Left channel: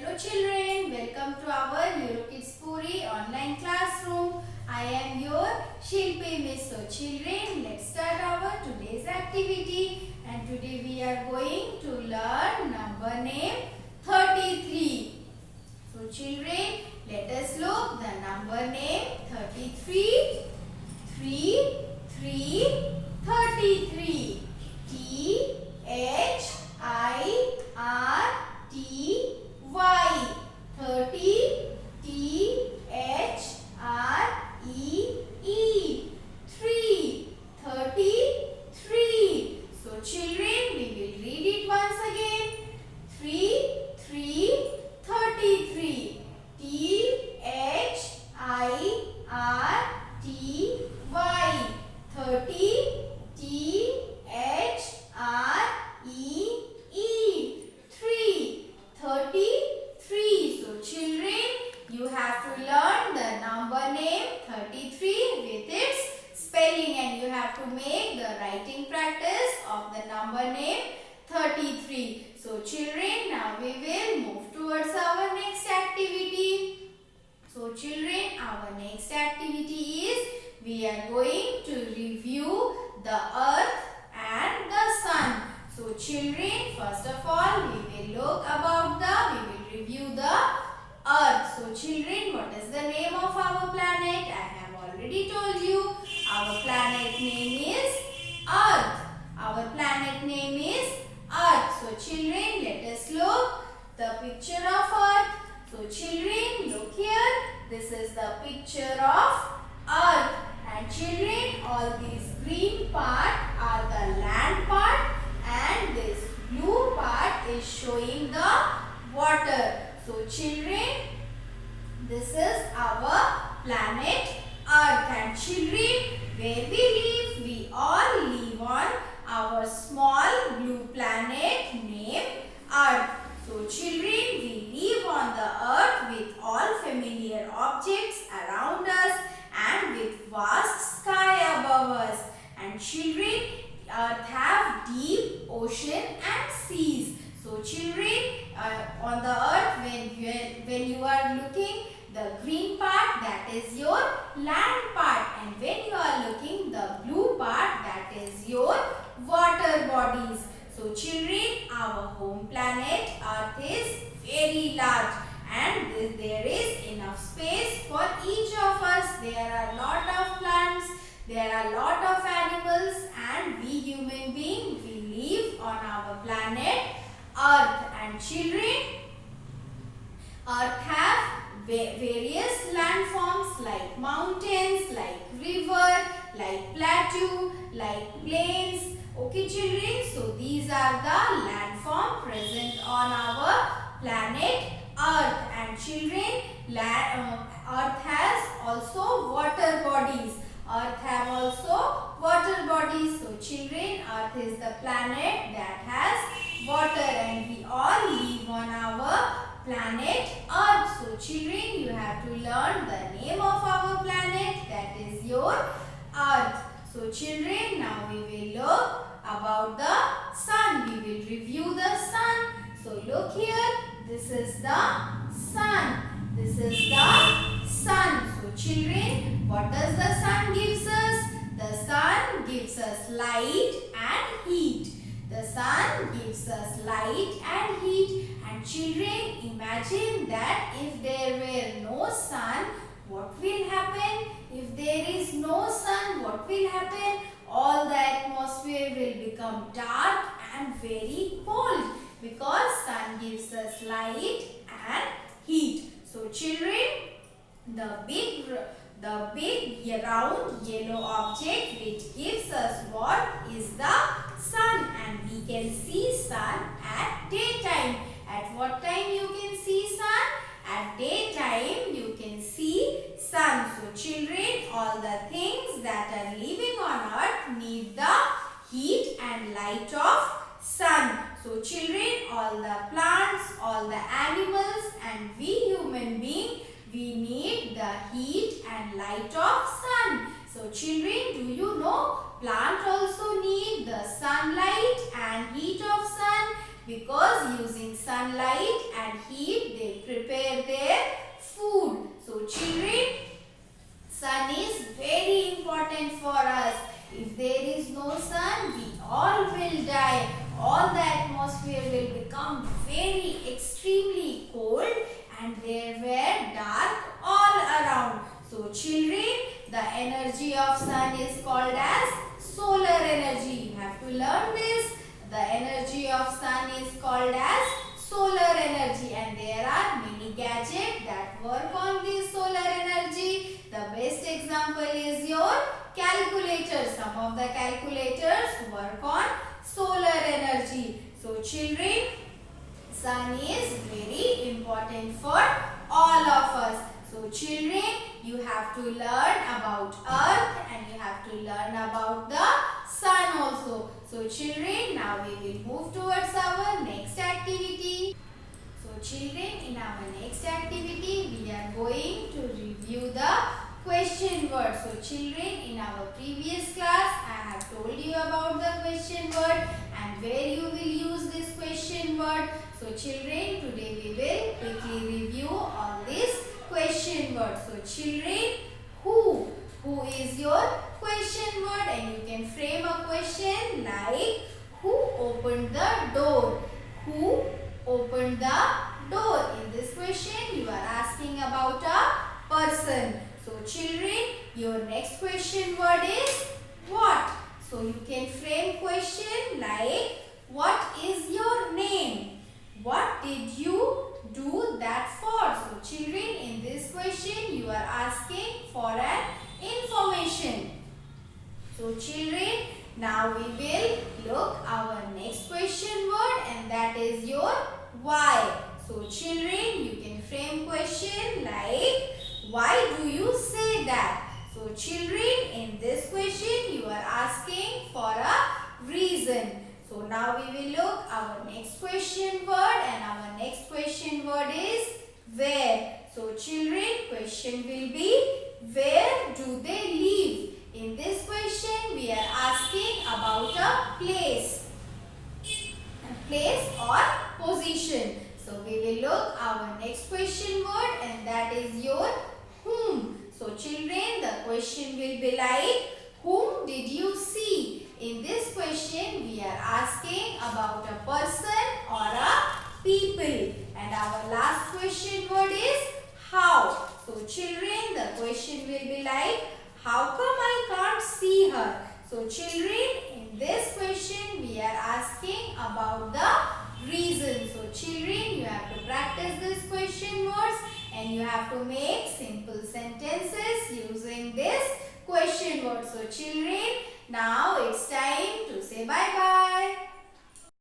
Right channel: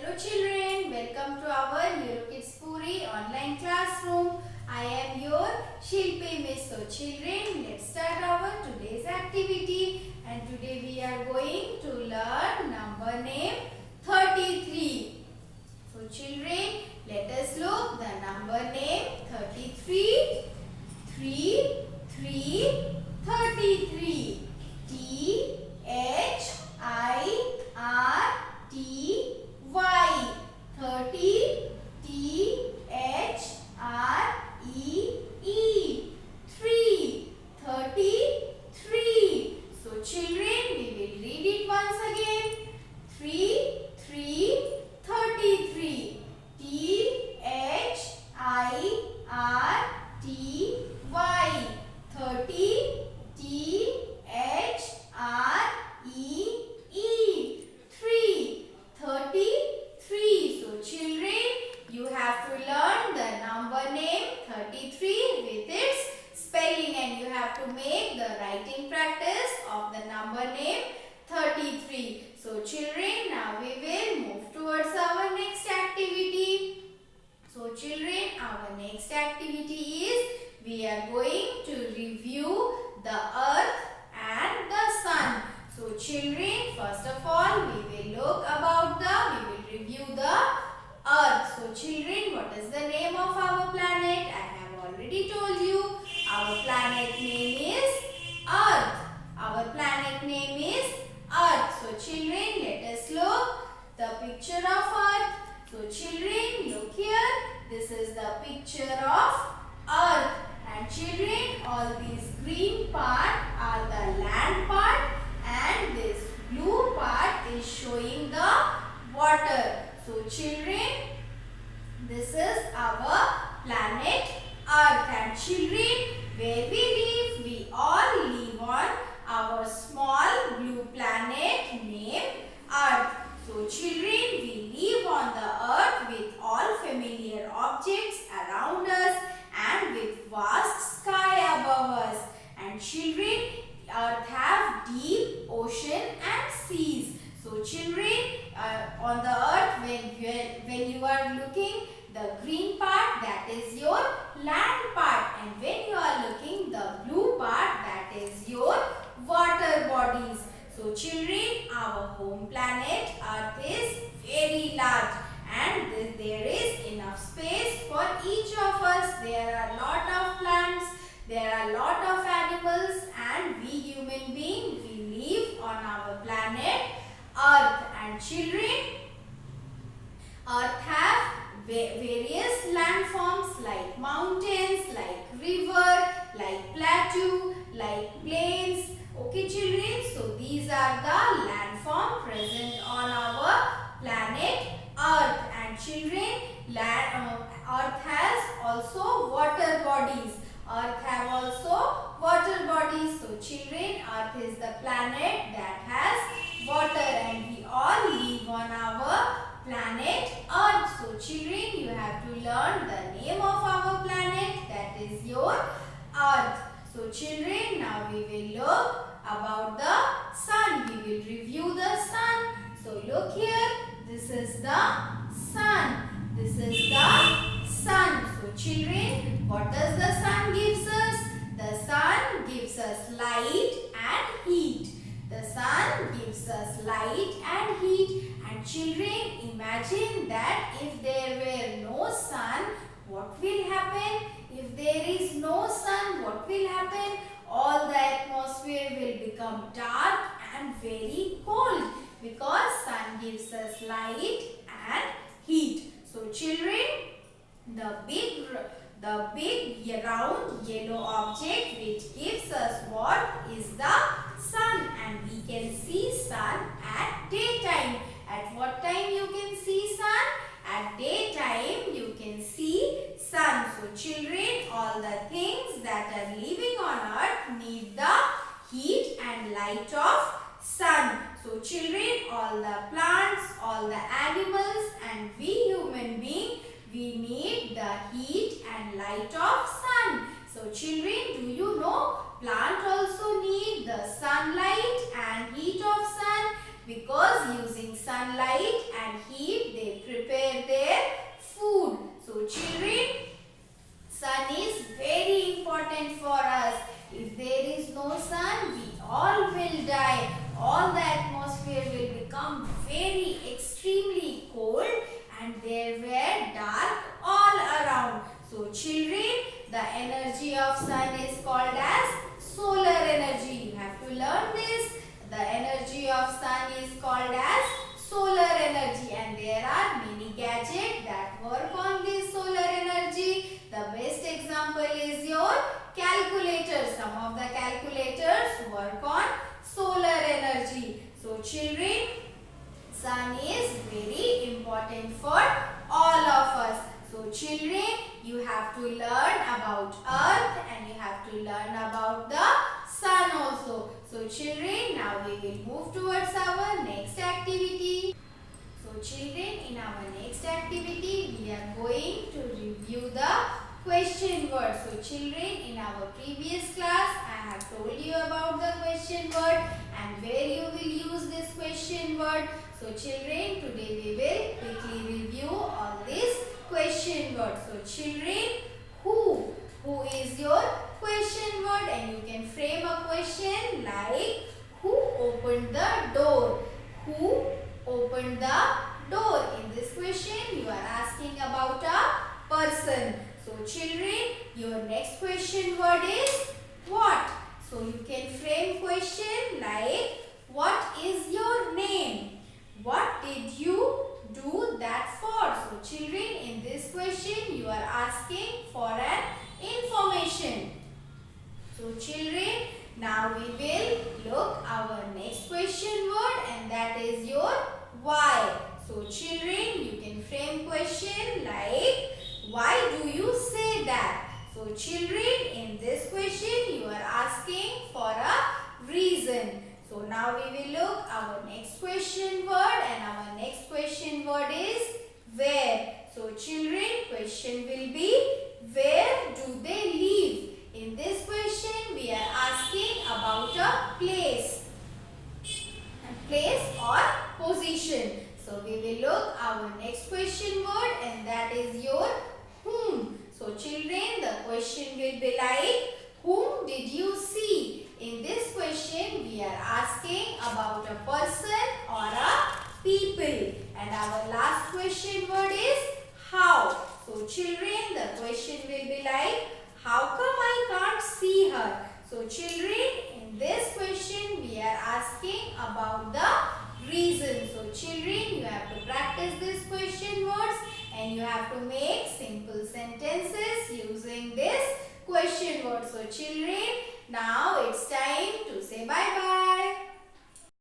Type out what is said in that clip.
Hello children, welcome to our Eurokids Puri online classroom. I am your Shilpi Miss. So children, let's start our today's activity. And today we are going to learn number name 33. So children, let us look the number name 33. 3, 3, 33. T-H-I-R-T-Y 30 T-H-R-E-E 3 33. So children, we will read it once again. 3 3 33. T-H-I-R-T-Y 30 T-H-R-E-E 3 33. So children, you have to learn the number name 33 with its spelling, and you have to make the writing practice of the number name 33. So children, now we will move towards our next activity. So children, our next activity is we are going to review the earth and the sun. So children, first of all, we will review the earth. So children, what is the name of our planet? I have already told you. Our planet name is earth. Our planet name is earth. So children, let us look the picture of earth. So children, look here. This is the picture of earth. And children, all these green part are the land part, and this blue part is showing the water. So children, this is our planet earth. And children, where we live, we all live on our small blue planet named earth. So children, we live on the earth with all familiar objects around us and with vast sky above us. And children, earth have deep ocean and seas. So children, on the earth, when you are looking, the green part, that is your land part, and when you are looking the blue part, that is your water bodies. So children, our home planet earth is very large, and there is enough space for each of us. There are lot of plants, there are lot of animals, and we human beings, we live on our planet earth. And children, earth have various landforms like mountains, like river, like plateau, like plains. Okay children, so these are the landform present on our planet earth. And children, earth has also water bodies. Earth have also water bodies. So children, earth is the planet that has water, and we all live on our planet earth. So children, you have to learn the name of our planet, that is your earth. So children, now we will look about the sun. We will review the sun. So look here, this is the sun. This is the sun. So children, what does the sun gives us? The sun gives us light and heat. The sun gives us light and heat. And children, imagine that if there were no sun, what will happen? If there is no sun, what will happen? All the atmosphere will become dark and very cold, because sun gives us light and heat. So children, the big round yellow object which gives us what is the sun, and we can see sun at daytime. At what time you can see sun? At daytime you can see sun. So children, all the things that are living on earth need the heat and light of sun. So children, all the plants, all the animals, and we human beings, we need the heat and light of sun. So children, do you know plant also need the sunlight and heat of sun, because using sunlight and heat they some of the calculators work on solar energy. So children, sun is very important for all of us. So children, you have to learn about earth and you have to learn about the sun also. So children, now we will move towards our next activity. So children, in our next activity, we are going to review the question word. So children, in our previous class, I have told you about the question word and where you will use this question word. So children, today we will quickly review all these question word. So children, who is your question word, and you can frame a question like who opened the door? Who opened the door? In this question you are asking about a person. So children, your next question word is what? So you can frame question like what is your name? What did you do that for? So children, in this question you are asking for an information. So children, now we will look our next question word, and that is your why. So children, you can frame question like why do you say that? So children, in this question you are asking for a reason. So now we will look our next question word, and our next question word is where. So children, question will be where do they live? In this question we are asking about a place or position. So we will look our next question word, and that is your whom. So children, the question will be like whom did you see? In this question we are asking about a person or a people. And our last question word is how. So children, the question will be like how come I can't see her? So children, in this question we are asking about the reason. So children, you have to practice this question words and you have to make simple sentences using this question word. So children, now it's time to say bye bye.